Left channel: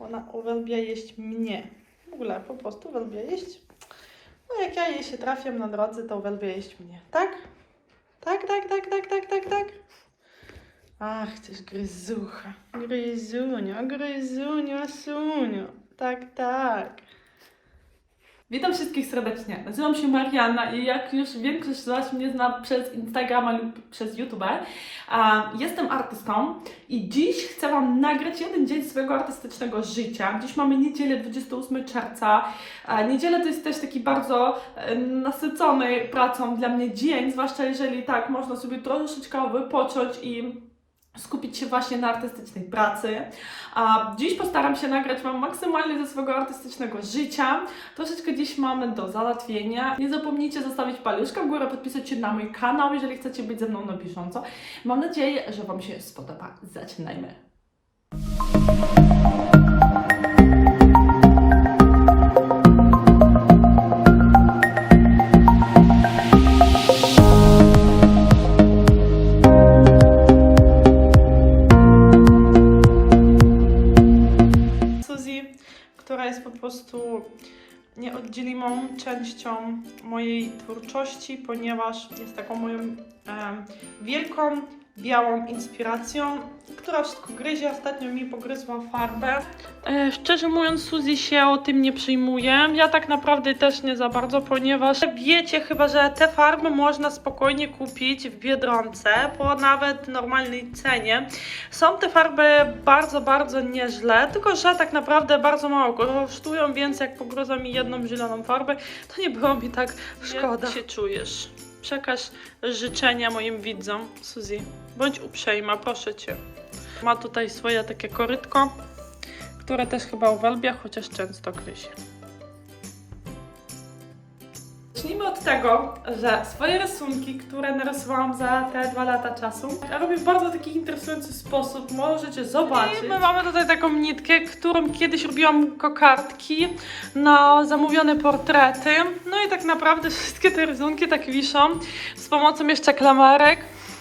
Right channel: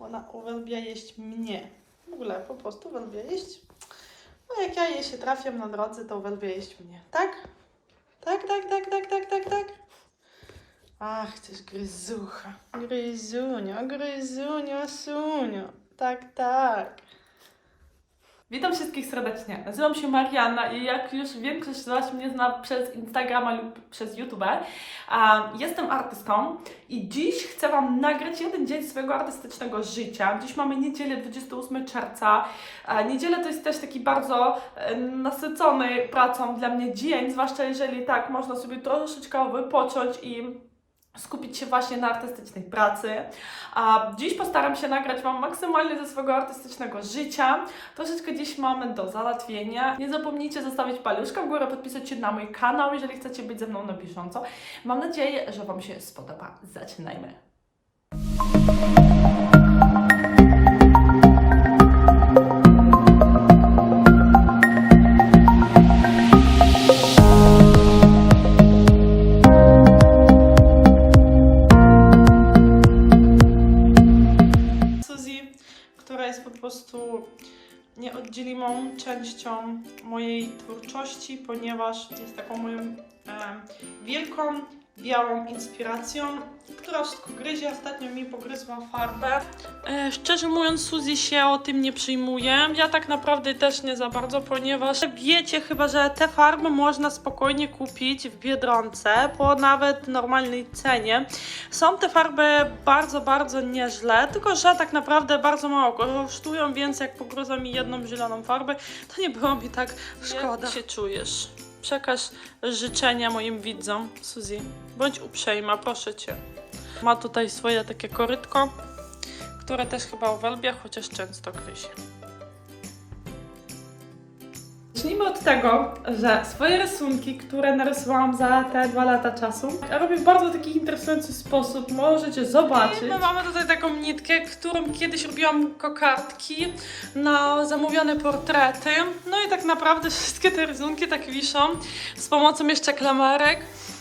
Ona uwielbia jeść mnie. W ogóle po prostu uwielbia jeść. No jak ja jej się trafiam na drodze, to uwielbia jeść mnie. Tak? Tak, tak, tak, tak, tak, tak, tak. Ach, też gryzucha. Gryzunio, gryzunio, sunio. Tak, tak. Witam wszystkich serdecznie. Nazywam się Marianna i jak już większość z Was mnie zna przez Instagrama lub przez YouTube, jestem artystką i dziś chcę Wam nagrać jeden dzień swojego artystycznego życia. Dziś mamy niedzielę 28 czerwca. A, niedziela to jest też taki bardzo nasycony pracą dla mnie dzień, zwłaszcza jeżeli tak można sobie troszeczkę wypocząć i skupić się właśnie na artystycznej pracy. A dziś postaram się nagrać Wam maksymalnie ze swojego artystycznego życia. Troszeczkę dziś mamy do załatwienia. Nie zapomnijcie zostawić paluszka w górę, podpisać się na mój kanał, jeżeli chcecie być ze mną na bieżąco. Mam nadzieję, że Wam się spodoba. Zaczynajmy. Częścią mojej twórczości, ponieważ jest taką moją em, wielką, białą inspiracją, która wszystko gryzie. Ostatnio mi pogryzła farbę. E, szczerze mówiąc, Suzy się o tym nie przyjmuje. Ja tak naprawdę też nie za bardzo, ponieważ wiecie chyba, że te farby można spokojnie kupić w Biedronce po nawet normalnej cenie. Są te farby bardzo, bardzo nieźle, tylko że tak naprawdę bardzo mało kosztują, więc jak pogryza mi jedną zieloną farbę, to nie było mi tak szkoda. Jak się czujesz? Przekaż życzenia moim widzom, Suzy. Bądź uprzejma, proszę Cię. Ma tutaj swoje takie korytko, które też chyba uwielbia, chociaż często gryzie. Zacznijmy od tego, że swoje rysunki, które narysowałam za te dwa lata czasu, robię w bardzo taki interesujący sposób. Możecie zobaczyć. I my mamy tutaj taką nitkę, którą kiedyś robiłam kokardki na zamówione portrety. No i tak naprawdę wszystkie te rysunki tak wiszą z pomocą jeszcze klamerek.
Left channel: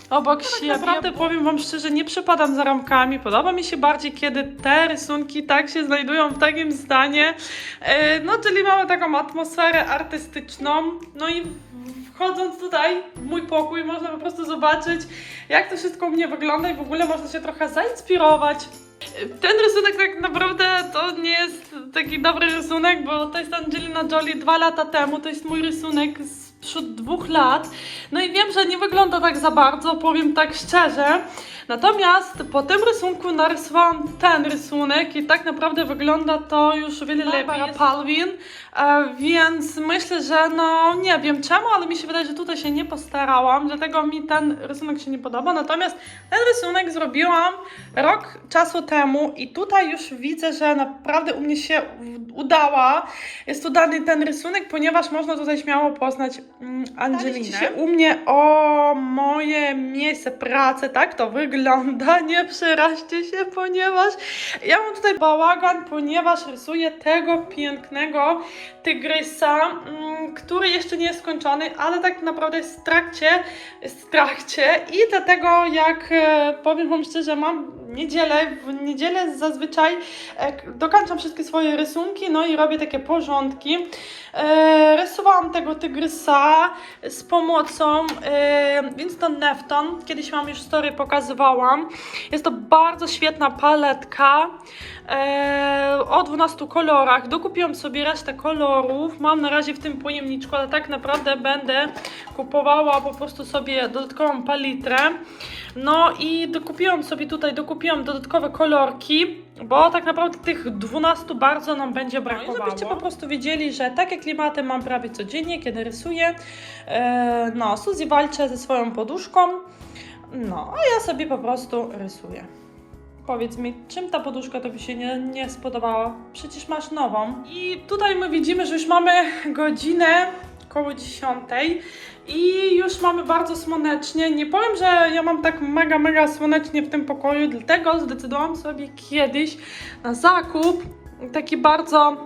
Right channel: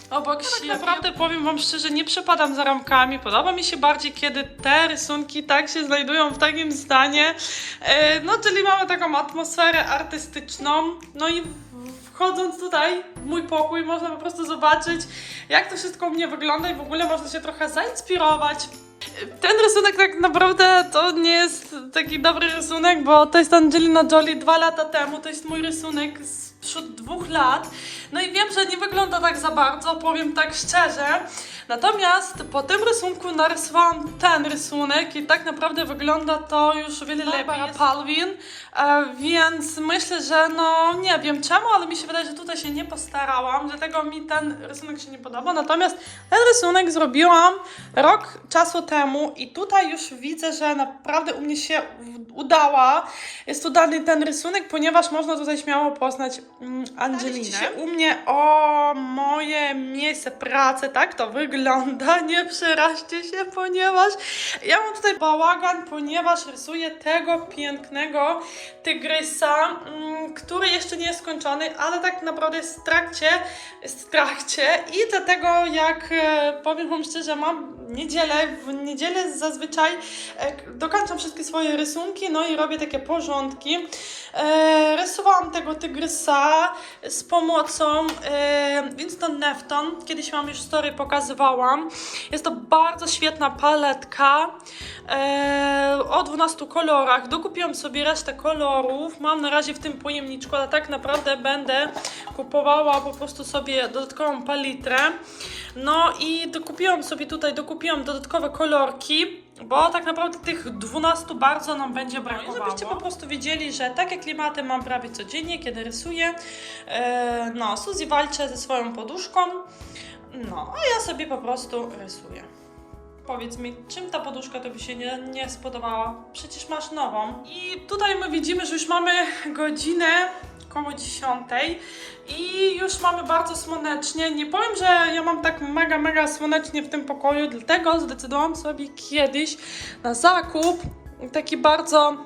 Obok siebie. Tak naprawdę powiem Wam szczerze, nie przepadam za ramkami. Podoba mi się bardziej, kiedy te rysunki tak się znajdują w takim stanie. E, No, czyli mamy taką atmosferę artystyczną. No i wchodząc tutaj w mój pokój, można po prostu zobaczyć, jak to wszystko u mnie wygląda i w ogóle można się trochę zainspirować. Ten rysunek tak naprawdę to nie jest taki dobry rysunek, bo to jest Angelina Jolie dwa lata temu. To jest mój rysunek sprzed dwóch lat. No i wiem, że nie wygląda tak za bardzo, powiem tak szczerze. Natomiast po tym rysunku narysowałam ten rysunek i tak naprawdę wygląda to już wiele lepiej. Palvin, e, więc myślę, że no nie wiem czemu, ale mi się wydaje, że tutaj się nie postarałam, dlatego mi ten rysunek się nie podoba. Natomiast ten rysunek zrobiłam rok czasu temu i tutaj już widzę, że naprawdę u mnie się udała. Jest udany ten rysunek, ponieważ można tutaj śmiało poznać mm, Angelinę. się u mnie o moje miejsce pracy, tak to wygląda. Nie przeraźcie się, ponieważ ja mam tutaj bałagan, ponieważ rysuję tego pięknego tygrysa, mm, który jeszcze nie jest skończony, ale tak naprawdę jest w trakcie, jest w trakcie i dlatego jak e, powiem Wam szczerze, mam niedzielę, w niedzielę zazwyczaj e, dokończam wszystkie swoje rysunki, no i robię takie porządki. E, rysowałam tego tygrysa z pomocą e, Winston Nefton. Kiedyś Wam już story pokazywałam. Jest to bardzo świetna paletka e, o 12 kolorach. Dokupiłam sobie resztę kolorów. Mam na razie w tym pojemniczku, ale tak naprawdę będę kupowała po prostu sobie dodatkową palitrę. No i dokupiłam sobie tutaj, dokupiłam dodatkowe kolorki, bo tak naprawdę tych 12 bardzo nam będzie brakowało. No i żebyście po prostu wiedzieli, że takie klimaty mam prawie codziennie, kiedy rysuję. E, no, Suzy walczy ze swoją poduszką, no, a ja sobie po prostu rysuję. Powiedz mi, czym ta poduszka Tobie się nie, nie spodobała? Przecież masz nową. I tutaj my widzimy, że już mamy godzinę koło 10 i już mamy bardzo słonecznie. Nie powiem, że ja mam tak mega, mega słonecznie w tym pokoju, dlatego zdecydowałam sobie kiedyś na zakup taki bardzo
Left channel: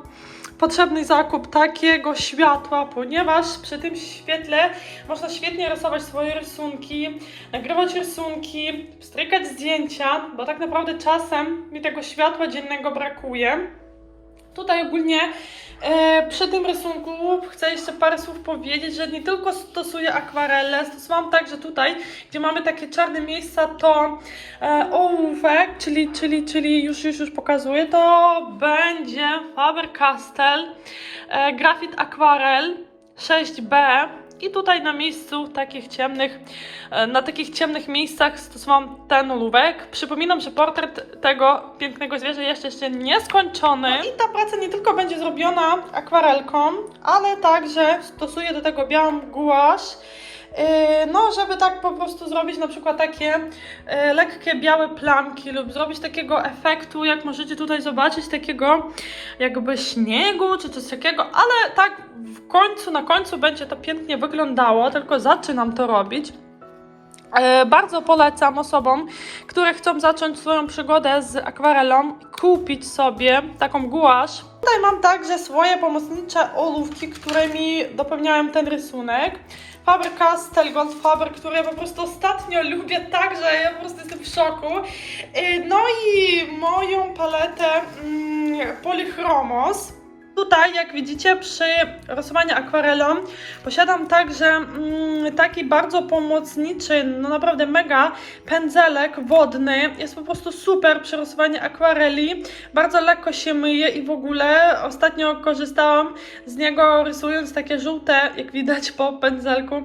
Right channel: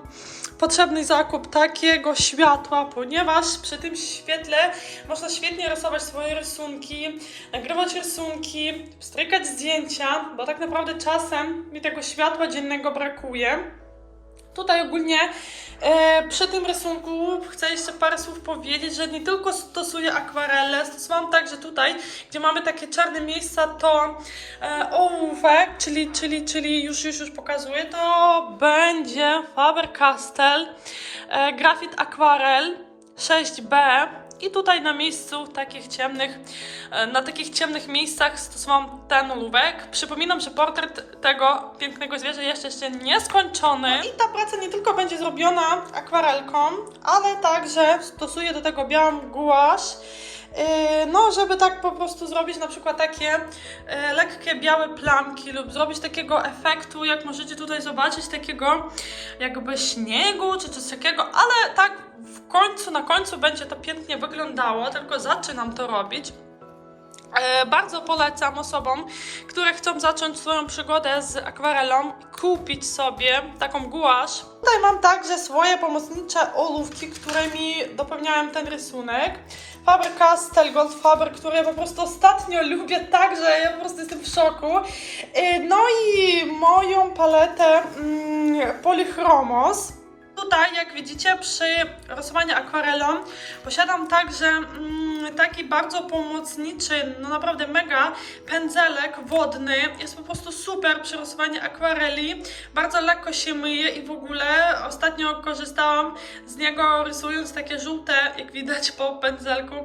potrzebny zakup takiego światła, ponieważ przy tym świetle można świetnie rysować swoje rysunki, nagrywać rysunki, strykać zdjęcia, bo tak naprawdę czasem mi tego światła dziennego brakuje. Tutaj ogólnie e, przy tym rysunku chcę jeszcze parę słów powiedzieć, że nie tylko stosuję akwarele, stosowałam także tutaj, gdzie mamy takie czarne miejsca, to e, ołówek, czyli, czyli, czyli już, już, już pokazuję, to będzie Faber-Castell e, Graphit Aquarel 6B i tutaj na miejscu takich ciemnych, e, na takich ciemnych miejscach stosowałam ten ołówek. Przypominam, że portret tego pięknego zwierzę jeszcze jeszcze nieskończony. No i ta praca nie tylko będzie zrobiona akwarelką, ale także stosuję do tego białą gouache. Yy, No, żeby tak po prostu zrobić na przykład takie e, lekkie białe plamki lub zrobić takiego efektu, jak możecie tutaj zobaczyć, takiego jakby śniegu czy coś takiego, ale tak w końcu, na końcu będzie to pięknie wyglądało, tylko zaczynam to robić. E, Bardzo polecam osobom, które chcą zacząć swoją przygodę z akwarelą, kupić sobie taką gouache. Tutaj mam także swoje pomocnicze ołówki, którymi dopełniałem ten rysunek. Faber-Castell Gold Faber, które ja po prostu ostatnio lubię tak, że ja po prostu jestem w szoku. E, No i moją paletę mm, Polychromos. Tutaj, jak widzicie, przy rysowaniu akwarelą posiadam także mm, taki bardzo pomocniczy, no naprawdę mega pędzelek wodny. Jest po prostu super przy rysowaniu akwareli. Bardzo lekko się myje i w ogóle ostatnio korzystałam z niego rysując takie żółte, jak widać po pędzelku,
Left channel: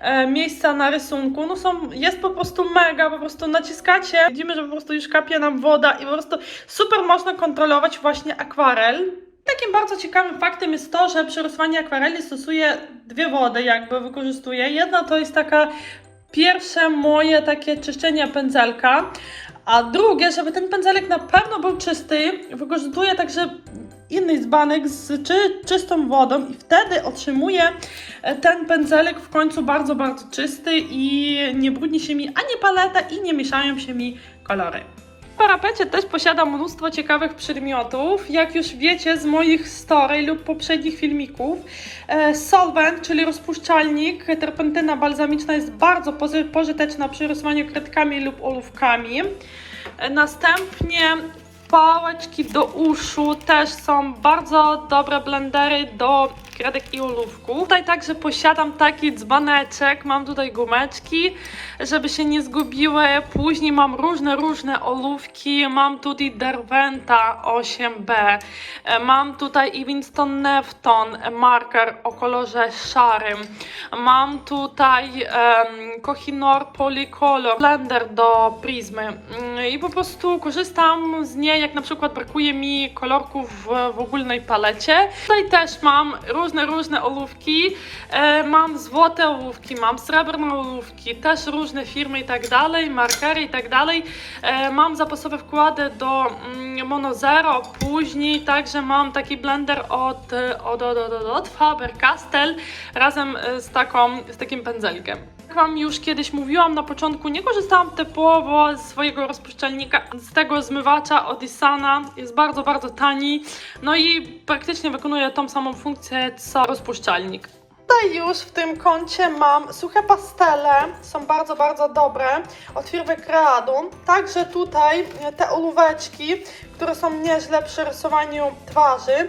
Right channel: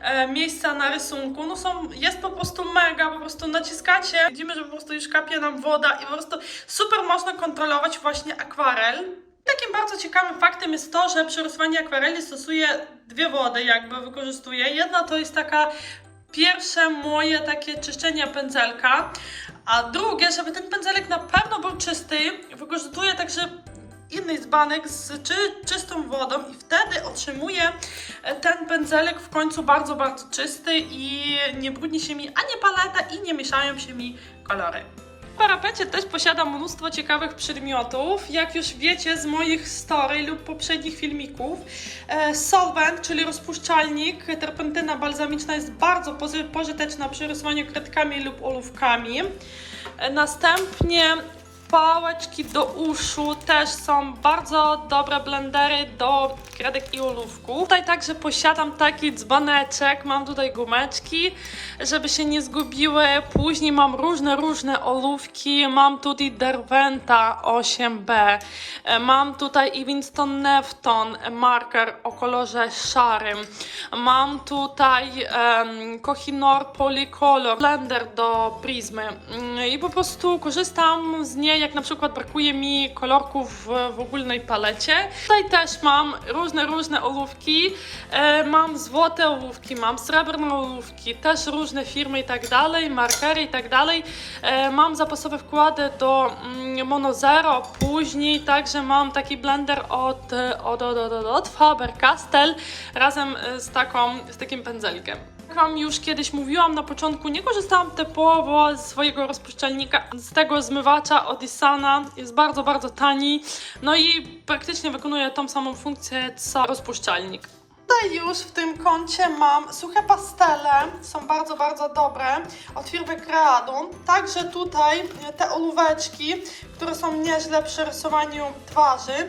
e, miejsca na rysunku. No są, jest po prostu mega, po prostu naciskacie, widzimy, że po prostu już kapie nam woda i po prostu super można kontrolować właśnie akwarel. Takim bardzo ciekawym faktem jest to, że przy rysowaniu akwareli stosuję dwie wody, jakby wykorzystuję. Jedna to jest taka pierwsze moje takie czyszczenie pędzelka, a drugie, żeby ten pędzelek na pewno był czysty, wykorzystuję także inny dzbanek z czy, czystą wodą i wtedy otrzymuję e, ten pędzelek w końcu bardzo, bardzo czysty i nie brudni się mi ani paleta i nie mieszają się mi kolory. Parapecie też posiadam mnóstwo ciekawych przedmiotów. Jak już wiecie z moich story lub poprzednich filmików, e, solvent, czyli rozpuszczalnik, terpentyna balsamiczna jest bardzo pożyteczna przy rysowaniu kredkami lub ołówkami. E, Następnie pałeczki do uszu też są bardzo dobre blendery do kredek i ołówków. Tutaj także posiadam taki dzbaneczek, mam tutaj gumeczki, żeby się nie zgubiły. Później mam różne, różne ołówki, mam tutaj Derwenta 8B, e, mam i Evanston Nefton marker o kolorze szarym, mam tutaj um, Kohinor Polycolor blender do prizmy Mm, i po prostu korzystam z niej, jak na przykład brakuje mi kolorków w, w ogólnej palecie. Tutaj też mam różne, różne ołówki, e, mam złote ołówki, mam srebrne ołówki, też różne firmy i tak dalej, markery i tak dalej. E, mam zapasowe wkłady do mm, Mono Zero, później także mam taki blender od, od, od, od, od Faber-Castell razem z, taką, z takim pędzelkiem. Jak Wam już kiedyś mówiłam na początku, nie korzystałam typowo z swojego rozpuszczalnika, z tego zmywacza Odisana. Jest bardzo, bardzo tani, no i praktycznie wykonuje tą samą funkcję co rozpuszczalnik. Tutaj już w tym kącie mam suche pastele, są bardzo, bardzo dobre, od firmy Creadum. Także tutaj te ołóweczki, które są nieźle przy rysowaniu twarzy.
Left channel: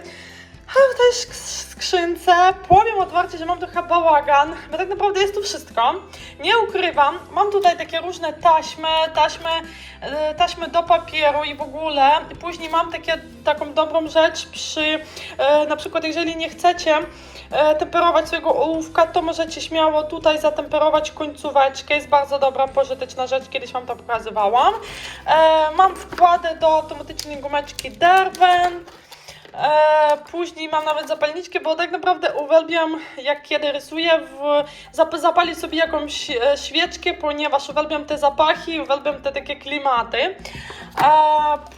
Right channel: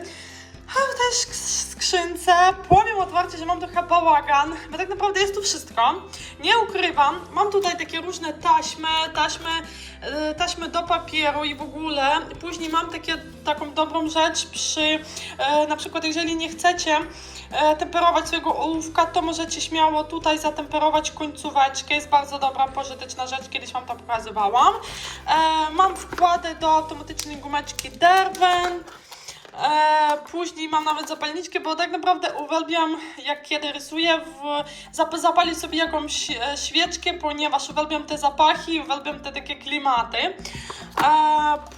A w tej sk- skrzynce powiem otwarcie, że mam trochę bałagan, bo tak naprawdę jest tu wszystko. Nie ukrywam, mam tutaj takie różne taśmy, taśmy, e, taśmy do papieru i w ogóle. Później mam takie, taką dobrą rzecz przy, e, na przykład jeżeli nie chcecie e, temperować swojego ołówka, to możecie śmiało tutaj zatemperować końcóweczkę. Jest bardzo dobra, pożyteczna rzecz, kiedyś Wam to pokazywałam. Mam wkłady do automatycznej gumeczki Derwent. Później mam nawet zapalniczkę, bo tak naprawdę uwielbiam, jak kiedy rysuję, w, zap, zapalić sobie jakąś e, świeczkę, ponieważ uwielbiam te zapachy, uwielbiam te takie klimaty. E,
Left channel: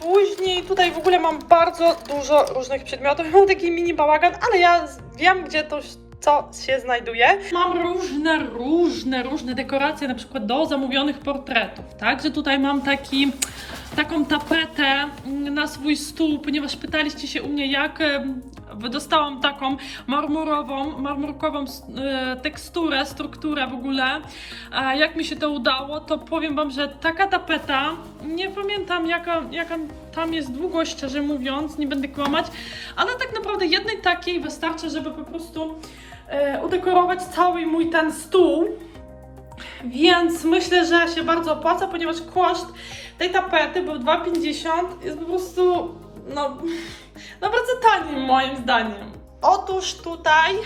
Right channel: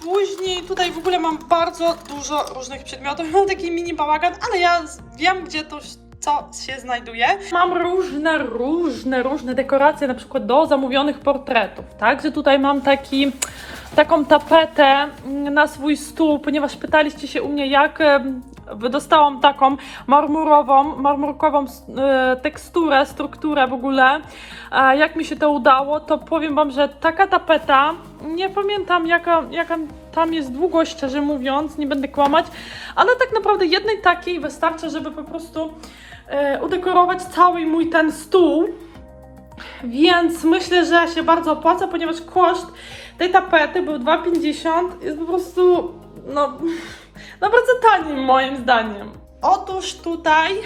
później tutaj w ogóle mam bardzo dużo różnych przedmiotów. Mam taki mini bałagan, ale ja wiem, gdzie to co się znajduje. Mam różne, różne, różne dekoracje, na przykład do zamówionych portretów. Także tutaj mam taki taką tapetę na swój stół, ponieważ pytaliście się u mnie, jak dostałam taką marmurową, marmurkową e, teksturę, strukturę w ogóle. Jak mi się to udało, to powiem Wam, że taka tapeta, nie pamiętam jaka, jaka tam jest długość, szczerze mówiąc, nie będę kłamać, ale tak naprawdę jednej takiej wystarczy, żeby po prostu e, udekorować cały mój ten stół. Więc myślę, że się bardzo opłaca, ponieważ koszt tej tapety był 2,50. Jest po prostu, no, no bardzo tani moim zdaniem. Otóż tutaj,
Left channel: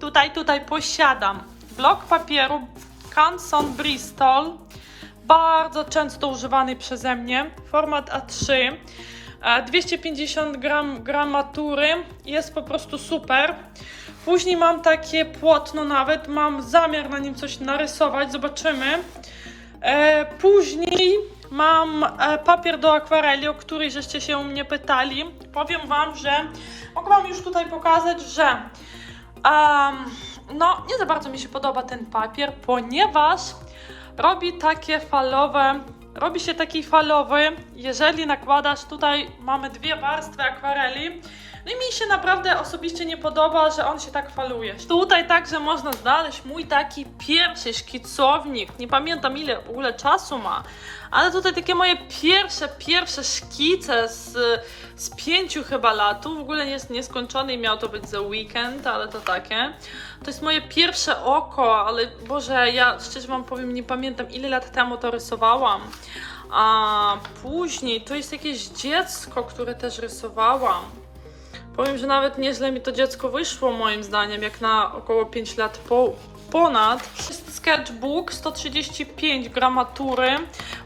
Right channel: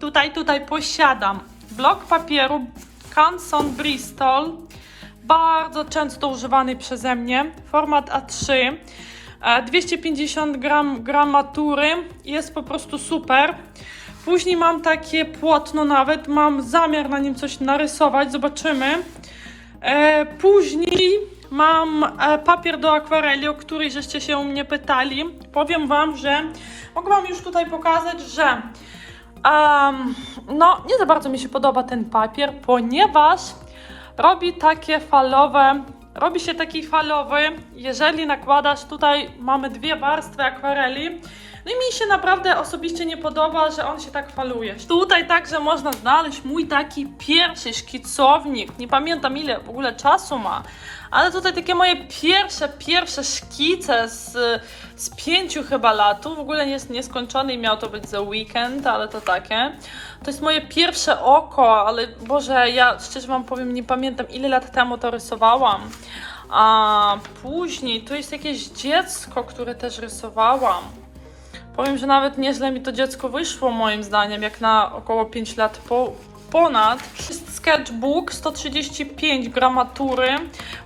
tutaj, tutaj posiadam blok papieru Canson Bristol, bardzo często używany przeze mnie, format A3. e, 250 gram gramatury, jest po prostu super. Później mam takie płótno nawet, mam zamiar na nim coś narysować, zobaczymy. E, później mam e, papier do akwareli, o który żeście się mnie pytali. Powiem Wam, że mogę Wam już tutaj pokazać, że em, no nie za bardzo mi się podoba ten papier, ponieważ robi takie falowe, robi się taki falowy, jeżeli nakładasz, tutaj mamy dwie warstwy akwareli, no i mi się naprawdę osobiście nie podoba, że on się tak faluje. Tutaj także można znaleźć mój taki pierwszy szkicownik. Nie pamiętam ile w ogóle czasu ma, ale tutaj takie moje pierwsze, pierwsze szkice z, z pięciu chyba lat. W ogóle jest nieskończony i miał to być za weekend, ale to takie. To jest moje pierwsze oko, ale Boże, ja szczerze wam powiem, nie pamiętam ile lat temu to rysowałam. A później to jest jakieś dziecko, które też rysowałam. Powiem, że nawet nieźle mi to dziecko wyszło moim zdaniem, jak na około 5 lat po, ponad. Jest sketchbook 135 gramatury.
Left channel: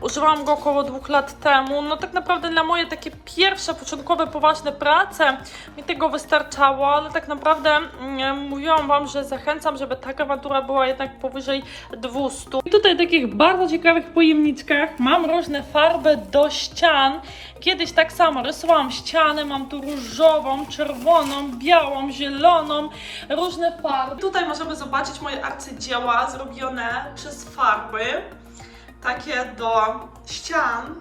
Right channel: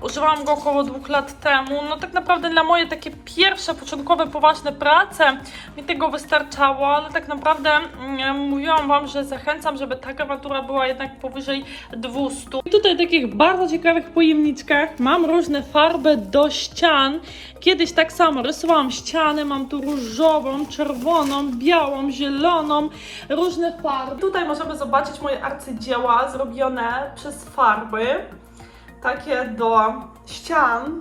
Używałam go około dwóch lat temu. No tak naprawdę dla moje takie pierwsze, początkowe, poważne prace mi tego wystarczało, ale tak naprawdę mm, mówiłam Wam, że zachęcam, żeby ta gramatura była jednak powyżej 200. I tutaj takich bardzo ciekawych pojemniczkach mam różne farby do ścian. Kiedyś tak samo rysowałam ścianę, mam tu różową, czerwoną, białą, zieloną, różne farby. Tutaj możemy zobaczyć moje arcydzieła zrobione przez farby, takie do ścian.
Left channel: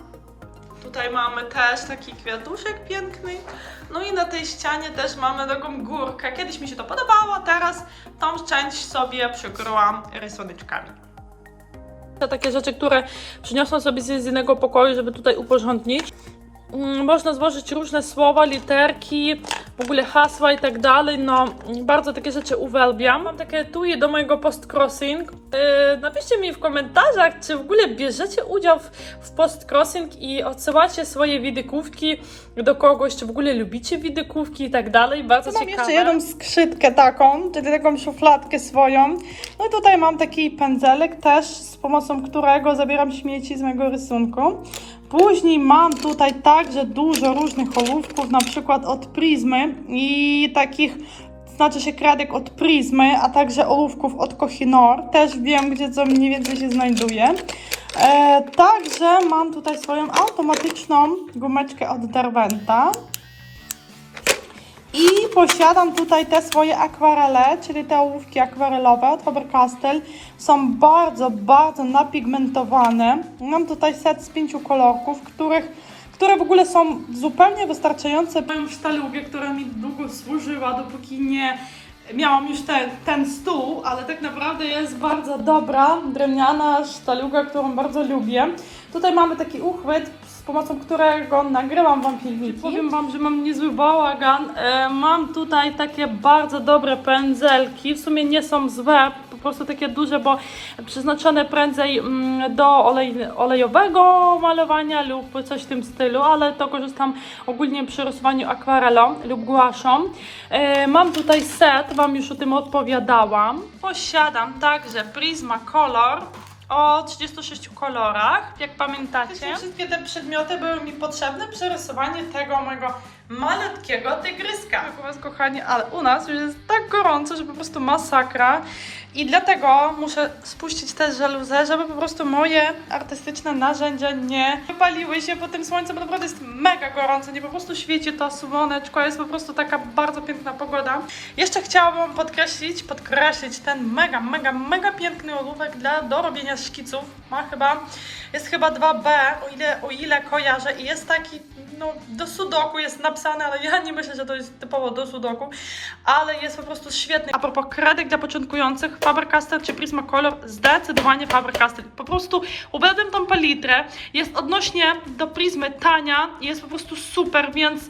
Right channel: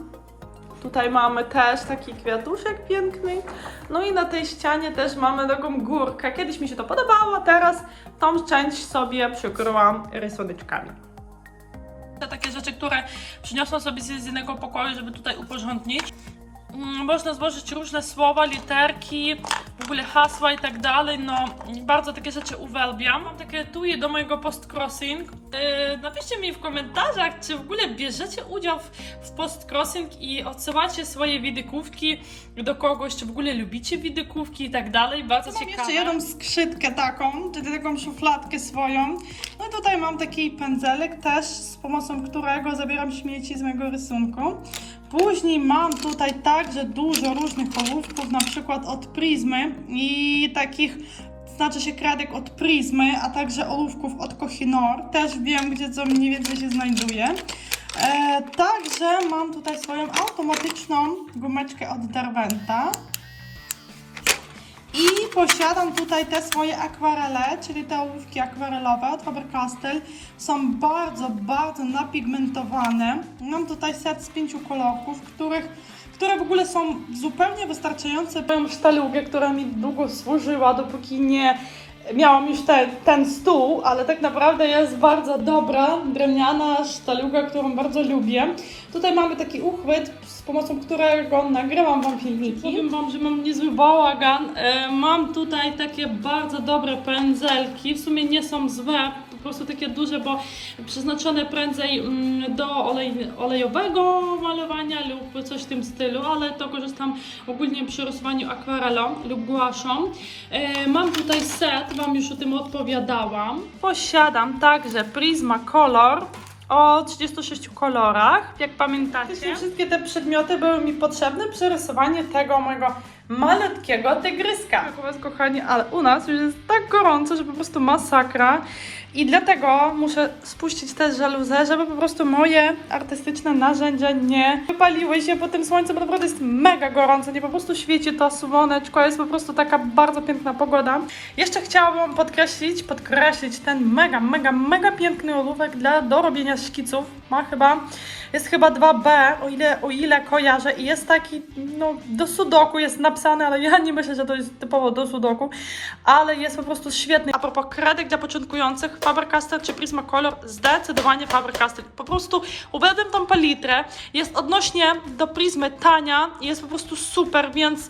Tutaj mamy też taki kwiatuszek piękny. No i na tej ścianie też mamy taką górkę. Kiedyś mi się to podobało, teraz tą część sobie przykryłam rysuneczkami. To takie rzeczy, które przyniosłam sobie z innego pokoju, żeby tutaj uporządnić. Mm, Można złożyć różne słowa, literki, w ogóle hasła i tak dalej. No, bardzo takie rzeczy uwielbiam. Mam takie etui do mojego post-crossing. Yy, napiszcie mi w komentarzach, czy w ogóle bierzecie udział w, w post-crossing i odsyłacie swoje widykówki do kogoś, czy w ogóle lubicie widykówki i tak dalej. Bardzo Mam ciekawe. jeszcze jedną skrzydkę taką, czyli taką szufladkę swoją. No i tutaj mam taki pędzelek też, z pomocą którego zabieram śmieci z mojego rysunku. Później mam tutaj także dużo różnych ołówków, na przykład od Prizmy i takich, znaczy się kredek od Prizmy, a także ołówków od Kohinoor. Też wiem, gdzie co mniej więcej się znajduje. E, także mam tutaj swoją automatyczną gumeczkę od Derwenta. I posiadam tutaj te swoje akwarele, czyli te ołówki akwarelowe od Faber-Castell. Są bardzo, bardzo napigmentowane. Mam tutaj set z pięciu kolorków, których, które w ogóle są zupełnie wystarczające. Mam sztalugę, która mi długo służyła, dopóki nie miałam już te, ten stół, ale tak naprawdę jest bardzo dobra, drewniana sztaluga, którą bardzo lubię. Tutaj mamy taki uchwyt, z pomocą którego nagrywam Wam filmiki. Powiem Wam, że mam niezły bałagan. E, mam tutaj takie bardzo dobre pędzelki. W sumie nie są złe, po prostu takie duże, bo przeznaczone prędzej mm, do olej, olejowego malowania lub coś w tym stylu, ale to korzystam ogólnie przy rysowaniu akwarelą lub guaszą. E, mam tutaj set, Wam już o tym odpowiadałam. Posiadam także Prisma Color o 36 kolorach, jak pamiętacie. Wszystkie te przedmioty były mi potrzebne przy rysowaniu tego mojego malutkiego tygryska. U was, kochani, ale u nas już jest tak gorąco, że po prostu masakra. I dlatego muszę spuścić te żaluzę, żeby po prostu moje artystyczne narzędzia nie wypaliły się po tym słońcu, bo naprawdę jest mega gorąco, nie po prostu świeci to słoneczko, jest po prostu taka bardzo piękna pogoda. Jeszcze chciałabym podkreślić, podkreślić ten mega, mega, mega piękny ołówek dla do robienia szkiców. Ma chyba, jest chyba 2B, o ile, o ile kojarzę i jest taki, no do sudoku jest napisane, ale ja nie myślę, że to jest typowo do sudoku, ale jest po prostu świetny. A propos kredek dla początkujących, Faber-Castell czy Prismacolor, zdecydowanie Faber-Castell. Po prostu uwielbiam tą palitrę, jest odnośnie do Prismy tania, jest po prostu super, więc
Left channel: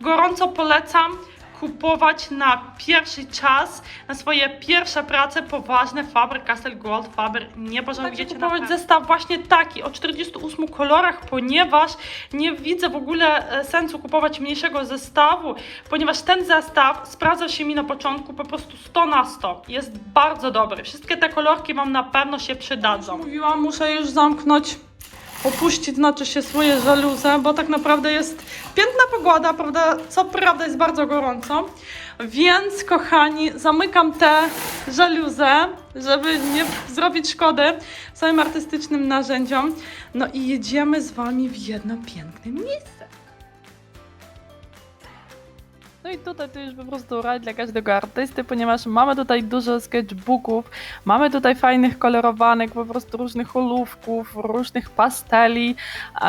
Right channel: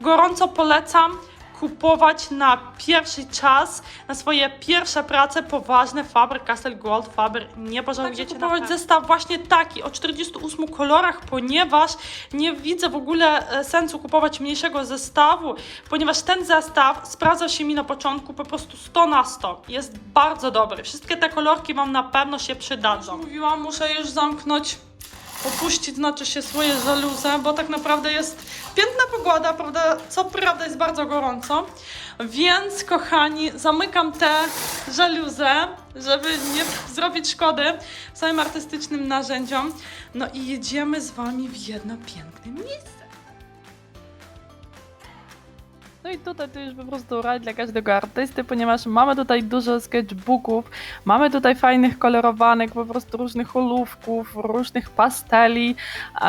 gorąco polecam kupować na pierwszy czas, na swoje pierwsze prace poważne Faber-Castell Gold Faber. Nie pożałujecie Także kupować zestaw właśnie taki o 48 kolorach, ponieważ nie widzę w ogóle e, sensu kupować mniejszego zestawu, ponieważ ten zestaw sprawdza się mi na początku po prostu 100 na 100. Jest bardzo dobry. Wszystkie te kolorki Wam na pewno się przydadzą. Mówiłam, muszę już zamknąć opuścić znaczy się swoje żaluze, bo tak naprawdę jest piękna pogoda, prawda? Co prawda jest bardzo gorąco. Więc, kochani, zamykam te żaluzę, żeby nie zrobić szkody swoim artystycznym narzędziom. No i jedziemy z Wami w jedno piękne miejsce. No i tutaj to już po prostu raj dla każdego artysty, ponieważ mamy tutaj dużo sketchbooków, mamy tutaj fajnych kolorowanek, po prostu różnych olówków, różnych pasteli,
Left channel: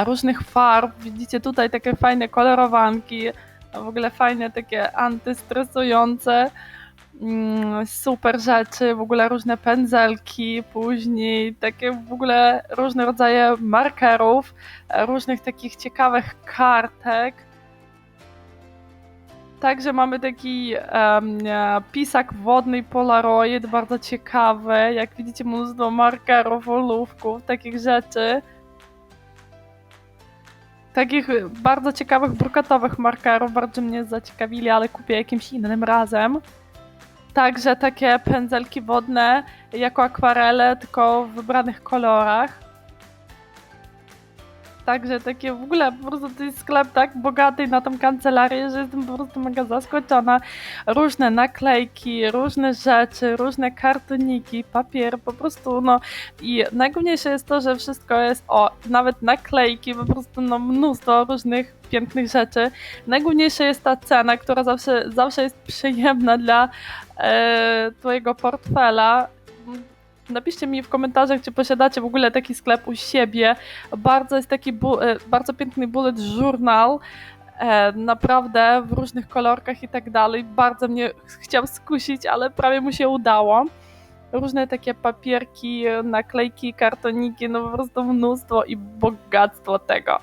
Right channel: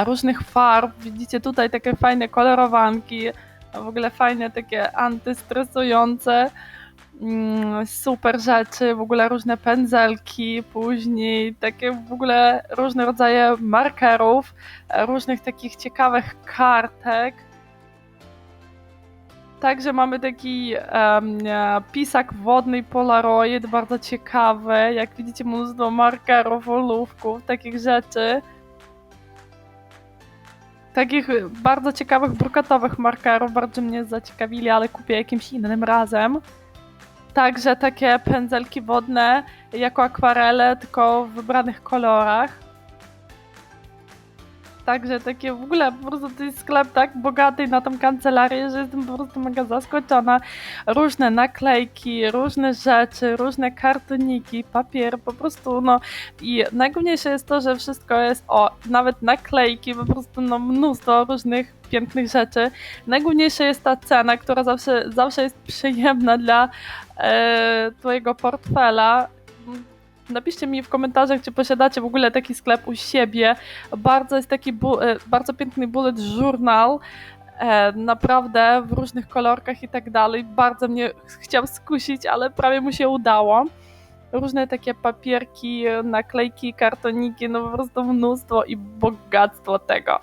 różnych farb. Widzicie tutaj takie fajne kolorowanki, w ogóle fajne takie antystresujące. mm, Super rzeczy, w ogóle różne pędzelki, później takie w ogóle różne rodzaje markerów, różnych takich ciekawych kartek. Także mamy taki e, pisak wodny Polaroid, bardzo ciekawy. Jak widzicie, mnóstwo markerów, olówków, takich rzeczy. Takich bardzo ciekawych brukatowych markerów, bardzo mnie zaciekawili, ale kupię jakimś innym razem. Także takie pędzelki wodne jako akwarele, tylko w wybranych kolorach. Także takie w ogóle po prostu to jest sklep tak bogaty na tą kancelarię, że jestem po prostu mega zaskoczona. Różne naklejki, różne rzeczy, różne kartoniki, papier, po prostu no i najgłówniejsze jest to, że wszystko jest, o, nawet naklejki, po prostu no mnóstwo różnych pięknych rzeczy. Najgłówniejsze jest ta cena, która zawsze, zawsze jest przyjemna dla e, twojego portfela. Napiszcie mi w komentarzach, czy posiadacie w ogóle taki sklep u siebie. Bardzo jest taki e, bardzo piękny bullet journal. E, naprawdę w różnych kolorkach i tak dalej. Bardzo mnie chciał skusić, ale prawie mu się udało. Różne takie papierki, naklejki, kartoniki, no po prostu mnóstwo i bogactwo tego.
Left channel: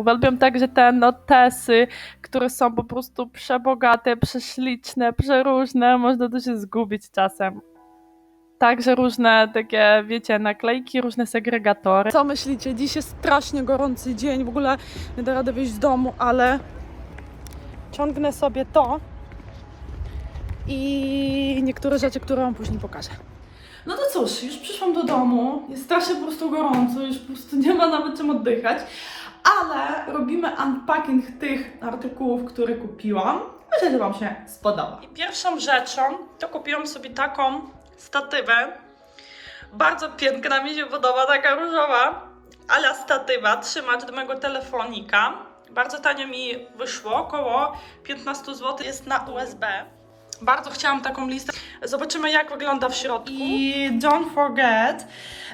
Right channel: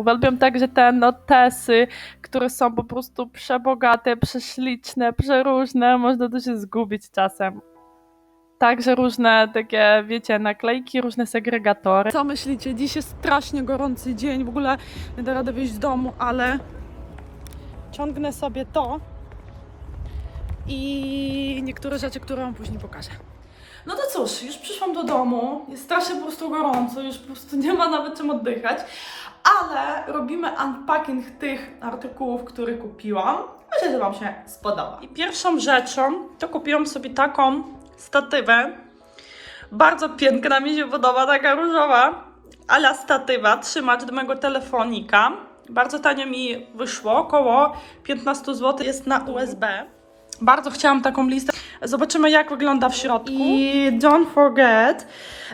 Uwielbiam także te notesy, które są po prostu przebogate, prześliczne, przeróżne. Można tu się zgubić czasem. Także różne takie, wiecie, naklejki, różne segregatory. Co myślicie? Dziś jest strasznie gorący dzień, w ogóle nie da rady wyjść z domu, ale ciągnę sobie to i niektóre rzeczy, które Wam później pokażę. No to cóż, już przyszłam do domu, jest strasznie po prostu gorąco, już po prostu nie ma nawet czym oddychać, ale robimy unpacking tych artykułów, które kupiłam. Myślę, że Wam się spodoba. I pierwszą rzeczą to kupiłam sobie taką statywę. Bardzo piękna, mi się podoba, taka różowa, ala statywa, trzymacz do mojego telefonika. Bardzo tanio mi wyszło, około 15 zł jest na USB. Bardzo chciałam taką listę. Zobaczymy, jak wygląda w środku. I don't forget,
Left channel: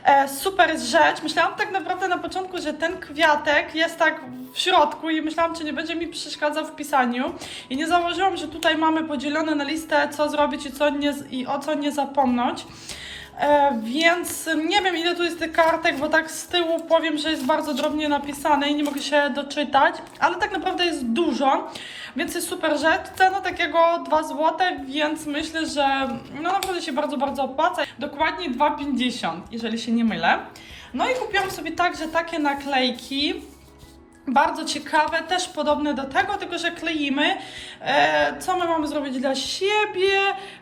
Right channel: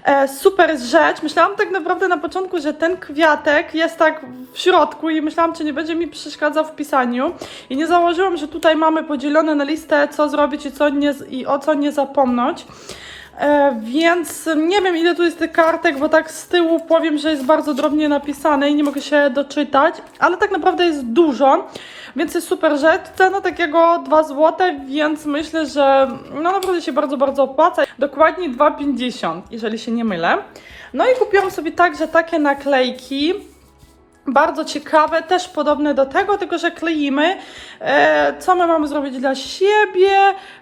e, super rzecz. Myślałam tak naprawdę na początku, że ten kwiatek jest tak w środku i myślałam, czy nie będzie mi przeszkadzał w pisaniu. I nie założyłam, że tutaj mamy podzielone na listę, co zrobić i, co nie, i o co nie zapomnieć. E, więc nie wiem ile tu jest tych kartek, bo tak z tyłu powiem, że jest bardzo drobnie napisane i nie mogę się doczytać, ale tak naprawdę jest dużo, więc jest super rzecz. Cena takiego 2 zł, więc myślę, że no naprawdę się bardzo, bardzo opłaca. Dokładnie 2,50, jeżeli się nie mylę. No i kupiłam sobie także takie naklejki. Bardzo ciekawe, też podobne do tego, tylko że kleimy, e, co my mamy zrobić dla siebie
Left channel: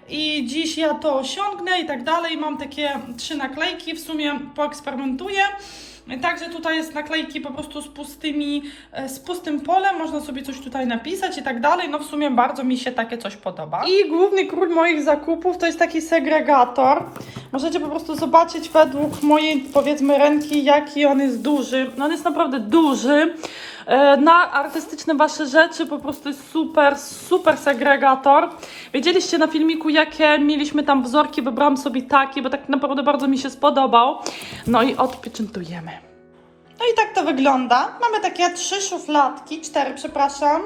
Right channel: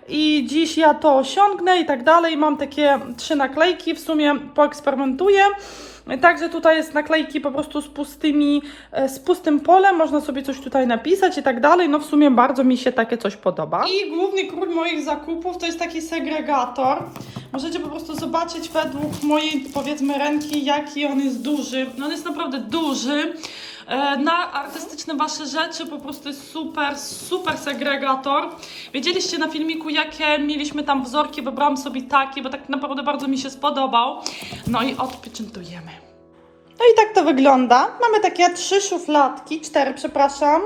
i dziś ja to osiągnę i tak dalej. Mam takie trzy naklejki, w sumie poeksperymentuję. Także tutaj jest naklejki po prostu z pustymi, e, z pustym polem, można sobie coś tutaj napisać i tak dalej. No w sumie bardzo mi się takie coś podoba. I główny król moich zakupów to jest taki segregator. Możecie po prostu zobaczyć według mojej powiedzmy ręki, jaki on jest duży. No on jest naprawdę duży. E, Na artystyczne wasze rzeczy po prostu jest super, super segregator. Wiedzieliście na filmiku, jakie mieliśmy tam wzorki, wybrałam sobie takie, bo tak naprawdę bardzo mi się spodobał. No i odpieczętujemy. No i tak to wygląda. Mamy takie trzy szufladki, cztery, przepraszam.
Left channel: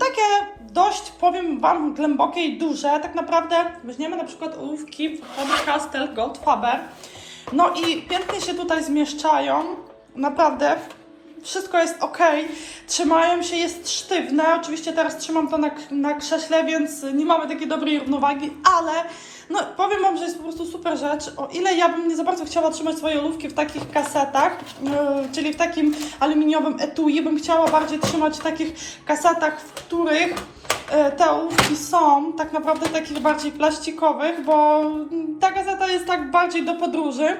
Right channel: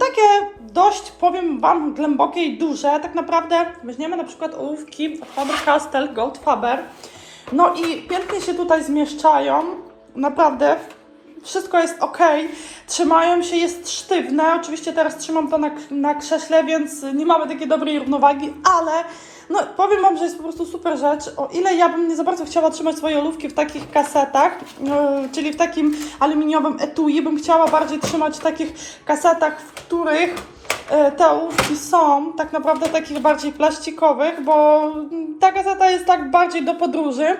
Takie dość, powiem Wam, głębokie i duże. Tak naprawdę weźmiemy na przykład ołówki Faber-Castell Gold Faber. No i pięknie się tutaj zmieszczają. Naprawdę wszystko jest ok. Trzymają się, jest sztywne. Oczywiście teraz trzymam to na, na krześle, więc nie mamy takiej dobrej równowagi, ale no, powiem Wam, że jest po prostu super rzecz. O ile ja bym nie za bardzo chciała trzymać swoje olówki w takich kasetach, no, czyli w takim aluminiowym etui, bym chciała bardziej trzymać w takich kasetach, w których e, te ołówki są tak naprawdę takich bardziej plastikowych, bo ta kaseta jest tak bardziej do podróży.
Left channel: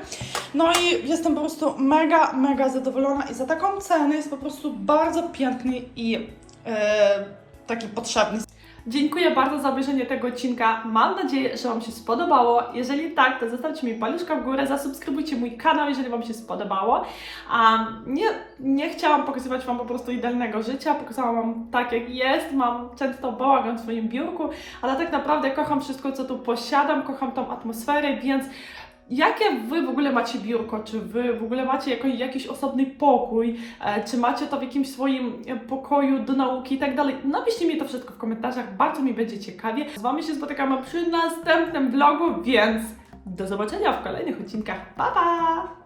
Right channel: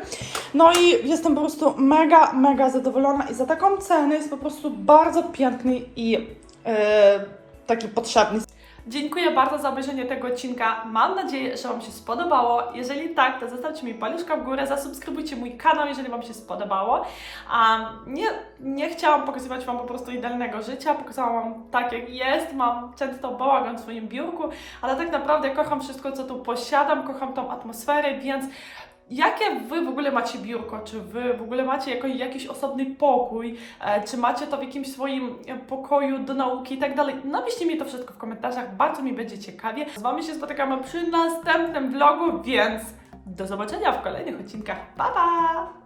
No i jestem po prostu mega, mega zadowolona i za taką cenę jest po prostu bardzo piękny i e, taki potrzebny. Dziękuję bardzo za obejrzenie tego odcinka. Mam nadzieję, że Wam się spodobało. Jeżeli tak, to zostawcie mi paluszka w górę, zasubskrybujcie mój kanał, jeżeli Wam się spodobało. Um, nie, nie chciałam pokazywać Wam po prostu idealnego życia, pokazałam Wam tak jak jest. Mam często bałagan w swoim biurku, ale tak naprawdę kocham wszystko, co tu posiadam, kocham tą atmosferę, więc Jakie wy w ogóle macie biurko? Czy wy w ogóle macie jakoś, jakiś osobny pokój? E, czy macie to w jakimś swoim e, pokoju do nauki i tak dalej? Napiszcie mi to wszystko w komentarzach, bardzo mi będzie ciekawie. Z wami się spotykamy przy następnym vlogu, więc do zobaczenia w kolejnych odcinkach. Pa pa!